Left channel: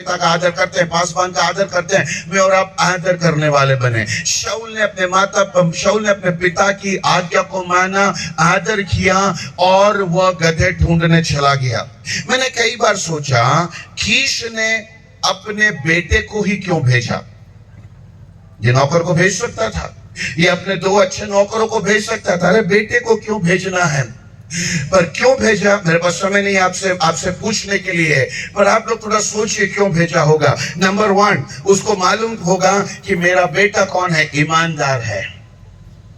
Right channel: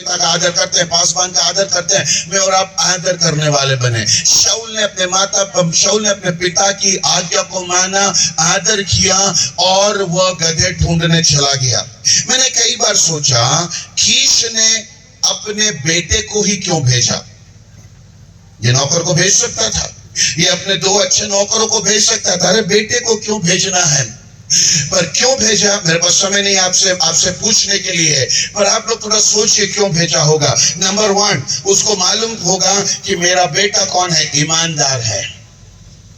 पिता का आदर करते हैं, पासवान का आदर करते हैं, मैं और आप आदर करने वाले बने। शाऊल ने अपने पिता की आज्ञा को माना, आदर किया और वह गधे ढूंढने चला गया। मैंने कई बार सोचा, कीश ने अपने बेटे को ही क्यों भेजा? ये नौकर को भेज सकता था, ये अपने दो अच्छे नौकरों को भेज सकता था, अरे बेटे को क्यों भेजना है? पर क्यों भेजा? मेरे पास समय नहीं आपसे पूछने के लिए, पर आप लोग थोड़ा सोचिए क्यों भेजा होगा। नंबर 1, उसको मालूम होगा कि मेरा बेटा कौन है, ईमानदार है,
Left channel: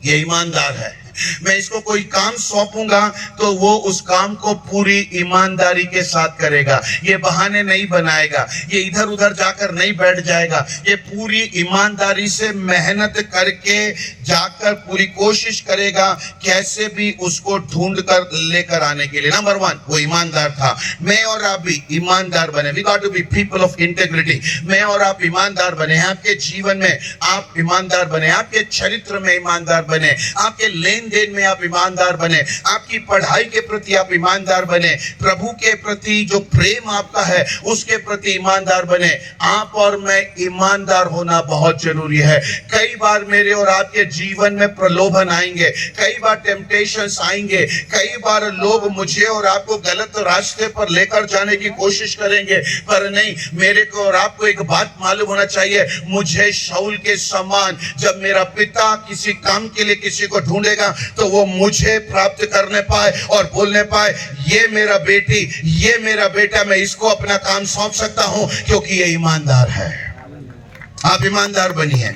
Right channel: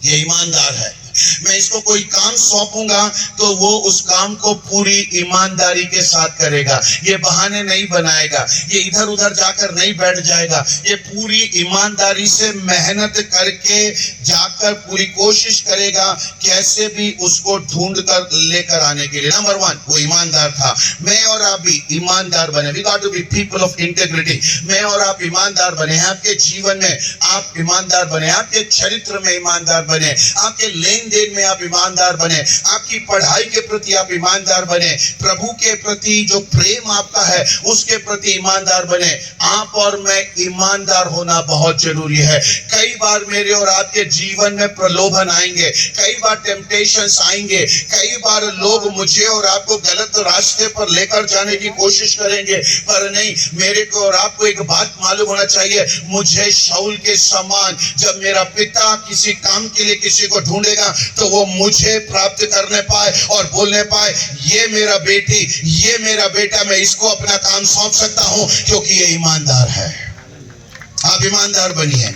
ये ईमानदार है। मैं इसको कोई काम सौंपूंगा तो वो उस काम को पूरी ईमानदारी के साथ करेगा, ये बहाने नहीं बनाएगा, ये इधर उधर जाकर नहीं बैठ जाएगा, ये पूरी ईमानदारी से मेहनत करके जाकर पूरी कोशिश करेगा कैसे भी उसको ढूंढ कर लेकर आने के लिए। नंबर 1, वो ईमानदार था। मैं और आप भी ईमानदार बने। We got to be people of integrity. मैं और आप ईमानदार बने, आपके जीवन में आप ईमानदार बने, आपके चरित्र में ईमानदार बने, आपके लेन देन में आप ईमानदार बने, आपकी पढ़ाई के प्रति आप ईमानदार बने, प्रभु के प्रति जो प्रेम आपका है उसके प्रति ईमानदार बने। आप और मैं ईमानदार होना बहुत जरूरी है। कई बार मेरे और आपके जीवन में प्रलोभन आएंगे, कई बार टेम्पटेशंस आएंगे, कई बार लोग मुझे और आपको गलत रास्ते पर लेकर जाने की कोशिश करेंगे, पर नहीं, मेरे को और आपको एक बात मालूम होना चाहिए, मुझे शाऊल के समान जब मेरा पिता किसी काम के लिए किसी को ढूंढेगा तो वो मुझे प्राप्त करने पाए और बोलने पाए, ये मेरा बेटी, ये मेरा बेटा, मैं इसको अपना काम सौंप सकता हूं क्योंकि ये ईमानदार है। आप ईमानदार बनिए।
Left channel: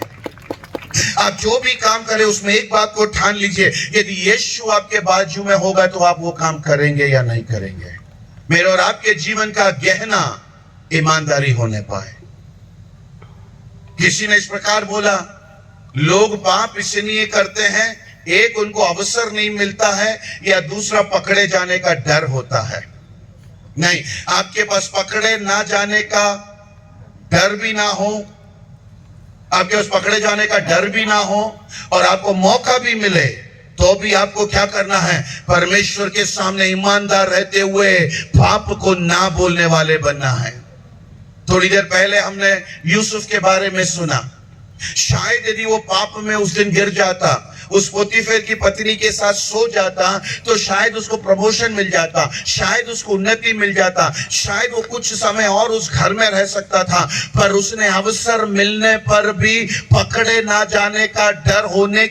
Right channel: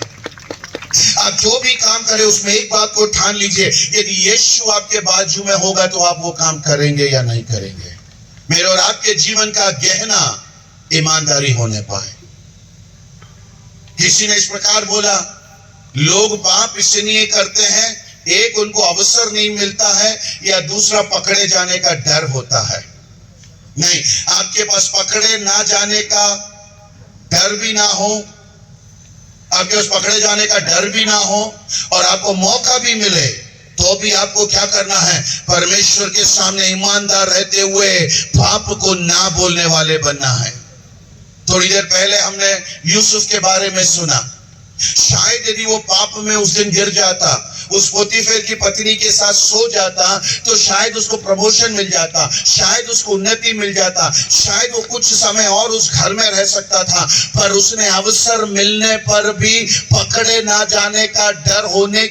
आप जो भी काम करें उसमें एक बात को ठान लीजिए, यदि यीशु आपके बाजू में होगा तो आप वो काम करेंगे या नहीं करेंगे। मेरे और आपके जीवन का गहना ईमानदारी होने पाए। किसी ने इस प्रकार बोला, लोग पाप इसलिए करते हैं, एक उनको अवसर नहीं मिलता है या दूसरा पकड़े जाने का डर होता है। नहीं, आपके पास पकड़े ना जाने का डर भी ना हो, आपके पास पकड़े जाने का डर भी ना हो और आपको मौका भी मिले तो भी आपको क्या करना है? परमेश्वर के सामने ईमानदार रहते हुए पाप को ना बोलने वाले बनना है। थोड़ी देर पहले हमने यूसुफ के बारे में सुना। शायद यदि वो पाप में उस दिन गिर जाता, उस पोतीफेर की पत्नी के साथ सो जाता, तो शायद उसको प्रमोशन मिल जाता, शायद उसको उन्नति मिल जाता, शायद वो कुछ समय और उस घर में रह सकता था। पर उसने अवसर मिलने पर भी, पकड़े ना जाने का डर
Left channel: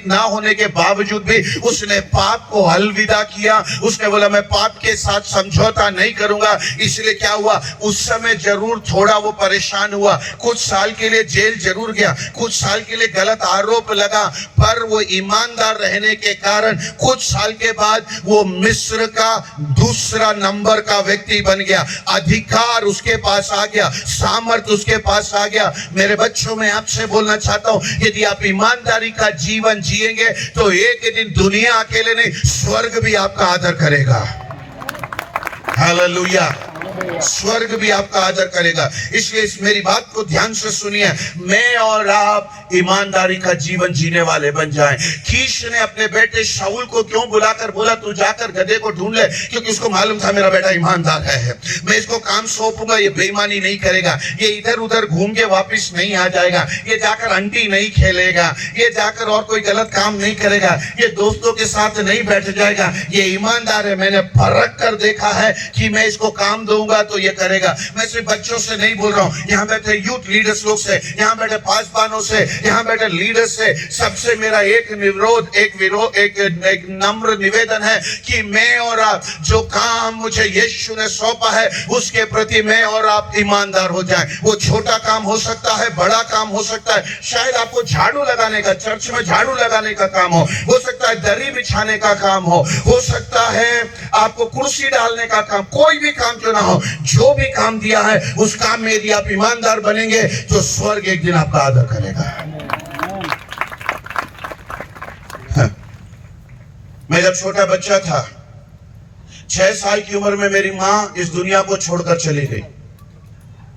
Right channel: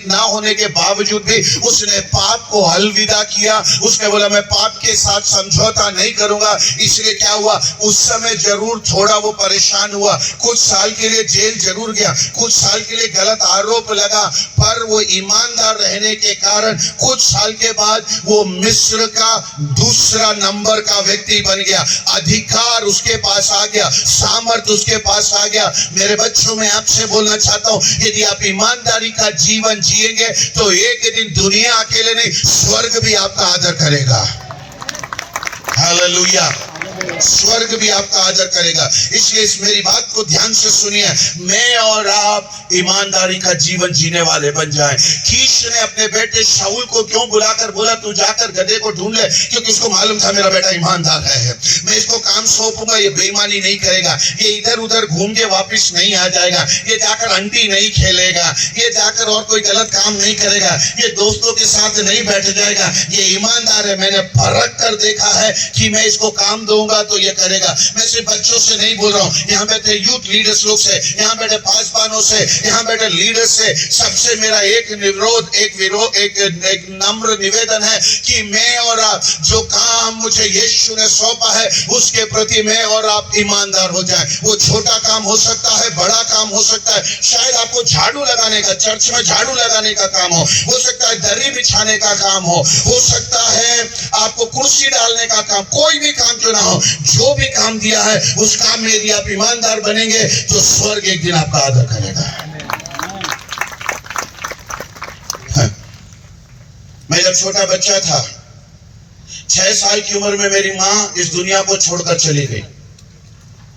ना होने के बावजूद भी उसने पाप को अलविदा किया। उसने बोला, मैं पाप के साथ समझौता नहीं करूंगा। इसलिए क्या हुआ, उस समय जरूर थोड़ा वो परेशान हुआ, कुछ साल के लिए जेल जरूर गया, कुछ साल के लिए गलत आरोप लगा, पर वो ईमानदार रहने के कारण कुछ साल के बाद वो मिस्र का दूसरा नंबर का व्यक्ति बन गया। अधिकार उसके पास आ गया, सामर्थ्य उसके पास आ गया। मेरे बच्चों, मैं आपसे बोलना चाहता हूं, यदि आप ईमानदारी का जीवन जिएंगे तो एक दिन दुनिया अकेले नहीं, स्वर्ग भी आपका आदर करेगा। हालेलुया, स्वर्ग भी आपका आदर करेगा। इसलिए इस मेरी बात को ध्यान से सुनिए, मैं और आप ईमानदारी का जीवन जीने वाले बन जाएं। कीश ने अपने बेटे शाऊल को क्यों बुलाकर बोला, तू जाकर गधे को ढूंढ ले, क्योंकि उसको मालूम था मेरा बेटा ईमानदार है, मैं इसको काम सौंपूंगा, ये बेईमानी नहीं करेगा, ये इधर उधर घूम के वापिस नहीं आ जाएगा, ये जाकर अंटी नहीं खेलेगा, ये जाकर और कोई गलत काम नहीं करेगा, ये दोस्तों के साथ नहीं बैठ जाएगा, ये ईमानदार है। मैंने परख कर देखा है कि मैं इसको काम दूंगा तो ये करेगा। मैं सिर्फ बच्चों से नहीं बोल रहा हूं, यहाँ बैठे यूथ लीडर्स लोग से, यहाँ बैठे पासवानों से, यहाँ बैठे लीडर्स से, सबसे मेरा एक नम्र निवेदन है कि मैं और आप जो काम मुझे यीशु ने सौंपा है उसके प्रति मैं और आप ईमानदार हो जाएं। वो छोटा काम हो सकता है, बड़ा काम हो सकता है। शायद आपको झाड़ू लगाने का, चर्च में झाड़ू लगाने का काम हो सकता है दरी बिछाने का काम हो सकता है आपको कुर्सी डालने का काम, कोई भी काम क्यों ना हो, जो भी काम दिया है उस काम में यदि आप ईमानदार बनेंगे तो स्वर्ग एक दिन आपका आदर करेगा। मैं जब छोटा बच्चा था, 6 साल की उम्र में मेरी माँ इस दुनिया को छोड़कर चली गई।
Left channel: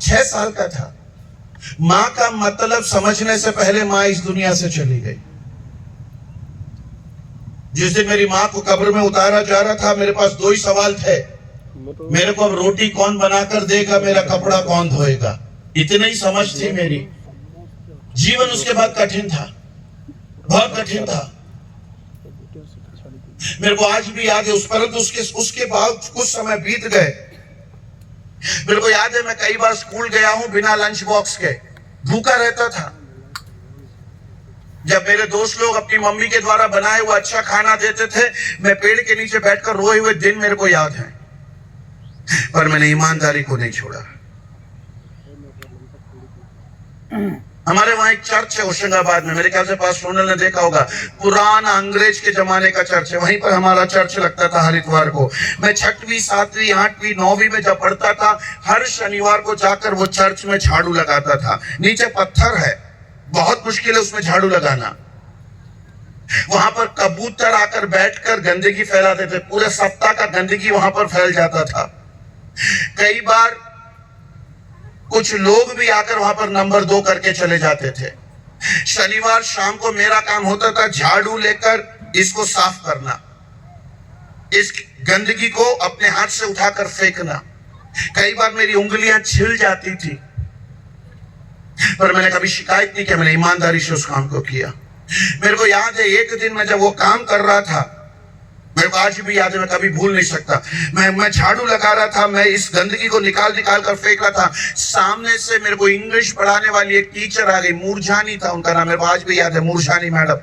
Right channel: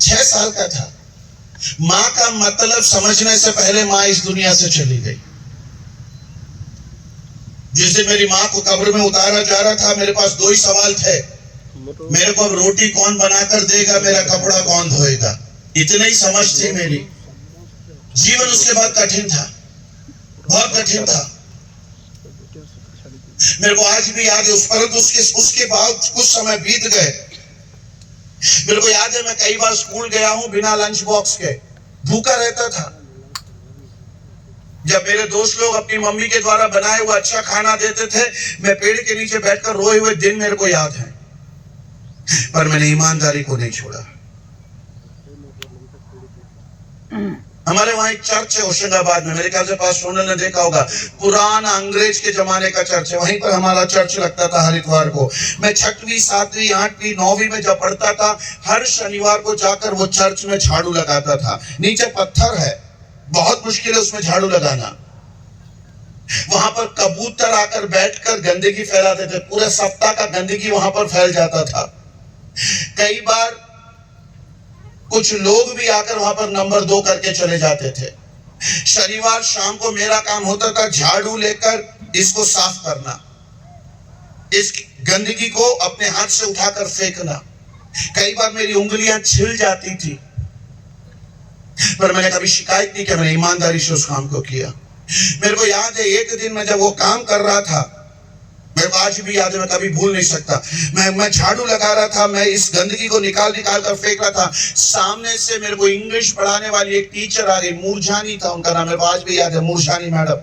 6 साल का था। माँ का मतलब समझने से पहले माँ इस दुनिया से चली गई। जिस दिन मेरी माँ को कब्र में उतारा जा रहा था, मेरे पास 2 ही सवाल थे। मेरे को अब रोटी कौन बनाकर देगा, मेरा कपड़ा कौन धोएगा। इतनी ही समझ थी मेरी। जीवन उसके बाद कठिन था, बहुत कठिन था। मेरे को आज भी याद है उस, परंतु उसके बाद कुछ समय बीत गए। मेरे को याद है मैं कई बार स्कूल गया हूं बिना लंच बॉक्स के, भूखा रहता था। जब मेरे दोस्त लोग अपनी मम्मी के द्वारा बनाए हुआ अच्छा खाना देते थे, मैं पेड़ के नीचे बैठकर रोए हुए दिन मेरे को याद है। पर मैंने ईमानदारी को नहीं छोड़ा। हमारे वहां एक चर्च है होशंगाबाद में, मेरे ख्याल से पास सोनल ने देखा होगा, पुराना अंग्रेज के जमाने का चर्च है। वहीं पर हमारा चर्च लगता था हर इतवार को। मैं 6वीं 7वीं 8वीं 9वीं में जब पढ़ता था, हर शनिवार को जाकर वो चर्च में झाड़ू लगाता था। नीचे पत्थर है, बहुत मुश्किल है उसमें झाड़ू लगाना। वहां पर कबूतर आकर बैठकर गंदगी फैलाते थे, पूरे सप्ताह का गंदगी वहां पर फैल जाता था। कई बार कुछ लोग भी आकर वहां पर नंबर 2 करके चले जाते थे। शनिवार शाम को मेरा काम होता था झाड़ू लेकर इसको साफ करना, इस गंदगी को अपने हाथ से उठाकर फेंकना। कई बार मेरी उंगलियां छिल जाती थी, पर मैंने कभी शिकायत नहीं किया, मैंने ईमानदारी से उस काम को किया। मेरे को याद है एक दिन मैं जब वो काम कर रहा था, मेरे को आज भी याद है, मैं कभी भूल नहीं सकता। मैं झाड़ू लगा रहा था, मैं इस गंदगी को निकाल कर फेंक रहा था। सामने से मेरे को इंग्लिश पढ़ाने वाली एक टीचर आ गई, मूरझानी था उनका नाम, मेरे को आज भी याद है, मूरझानी मैडम।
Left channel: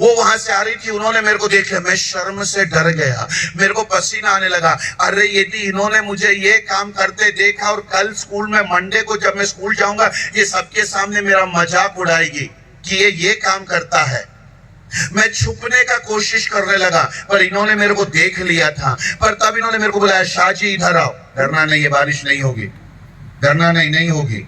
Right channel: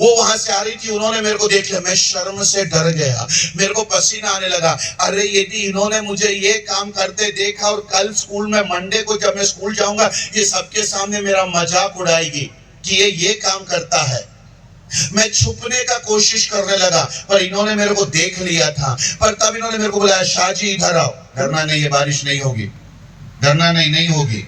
वो वहां से आ रही थी, उन्होंने मेरे को देख लिया, मैं शर्म से डर गया, मेरे को पसीना आने लगा। अरे यदि इन्होंने मुझे ये काम करते देखा और कल स्कूल में मंडे को जब मैं स्कूल जाऊंगा, ये सबके सामने मेरा मजाक उड़ाएगी कि ये काम करता है। मैं छुपने का कोशिश करने लगा, पर इन्होंने मेरे को देख लिया था। पर तब इन्होंने मेरे को बुलाया, शाहजी इधर आओ। डरना नहीं है, बारिश नहीं होगी, डरना नहीं होगी।